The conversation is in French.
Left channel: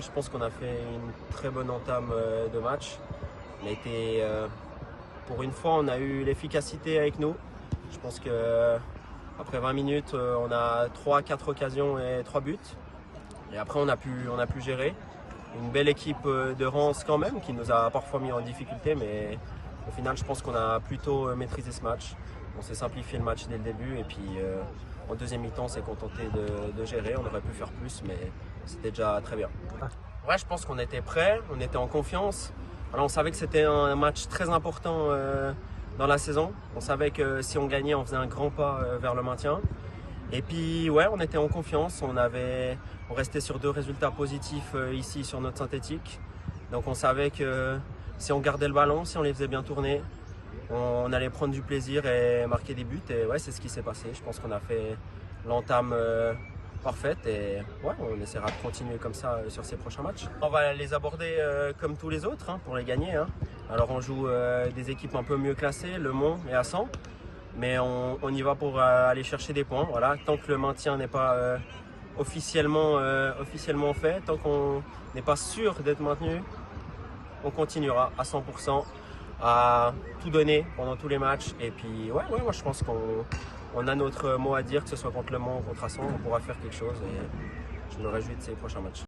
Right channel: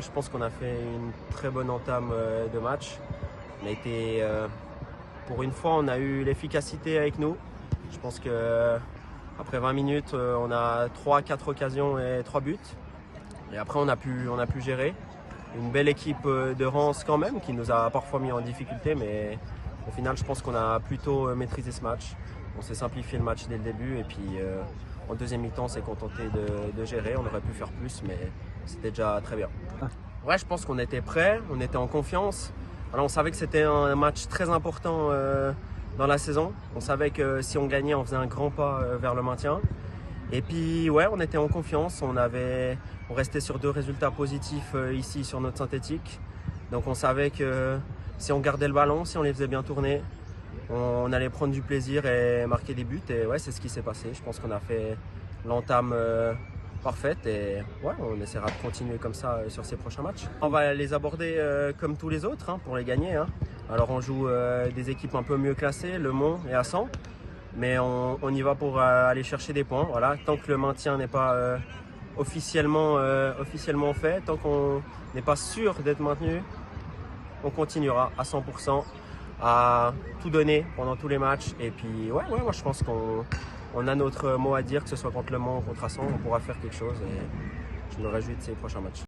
Je pense qu'on a fait une très bonne entame de match. On a été, pour une fois, on a eu l'efficacité avec nous. Je pense que après 20 minutes, on a 3-4 occasions et 3 buts. Et après, on a pu gérer. Une belle équipe de Reims quand même, qui nous a parfois mis en difficulté, mais au final, je pense qu'on a plutôt maîtrisé ce match. On s'est simplifié le match dès le début et puis en deuxième mi-temps, on s'est contenté de gérer. On aurait pu faire plus, mais c'était déjà très bien. Ouais, je pense qu'on était prêts, on était en confiance. Alors, on savait que c'était un match très important dans la saison. On savait que si on gagnait, on faisait un grand pas vers le maintien. Et puis, ouais, on était en confiance. On restait sur 2 résultats positifs ici sur notre synthétique. Donc, on savait que si on gardait le ballon, si on les faisait bien tourner, on allait prendre du plaisir et marquer des buts. Et ouais, c'est ce qui s'est passé. Je pense qu'on a fait l'entame parfaite et ouais, on essaiera de continuer comme ça sur ces prochains matchs. On va les aborder comme tous les autres pour les gagner. Alors, on joue des équipes un peu mieux classées, Le Mans et Assan. Mais on y va pour aller chercher des points. Voilà. Tant que le maintien n'est pas officiellement fait, tant qu'on n'est pas sûr d'être maintenu, on continuera à 100% à tout donner pendant tous les matchs. Et puis ouais, moi je pense qu'on a notre mot à dire, que ce soit contre Le Mans ou contre Assan, on pourra faire quelque chose et je me réjouis de ces prochains matchs.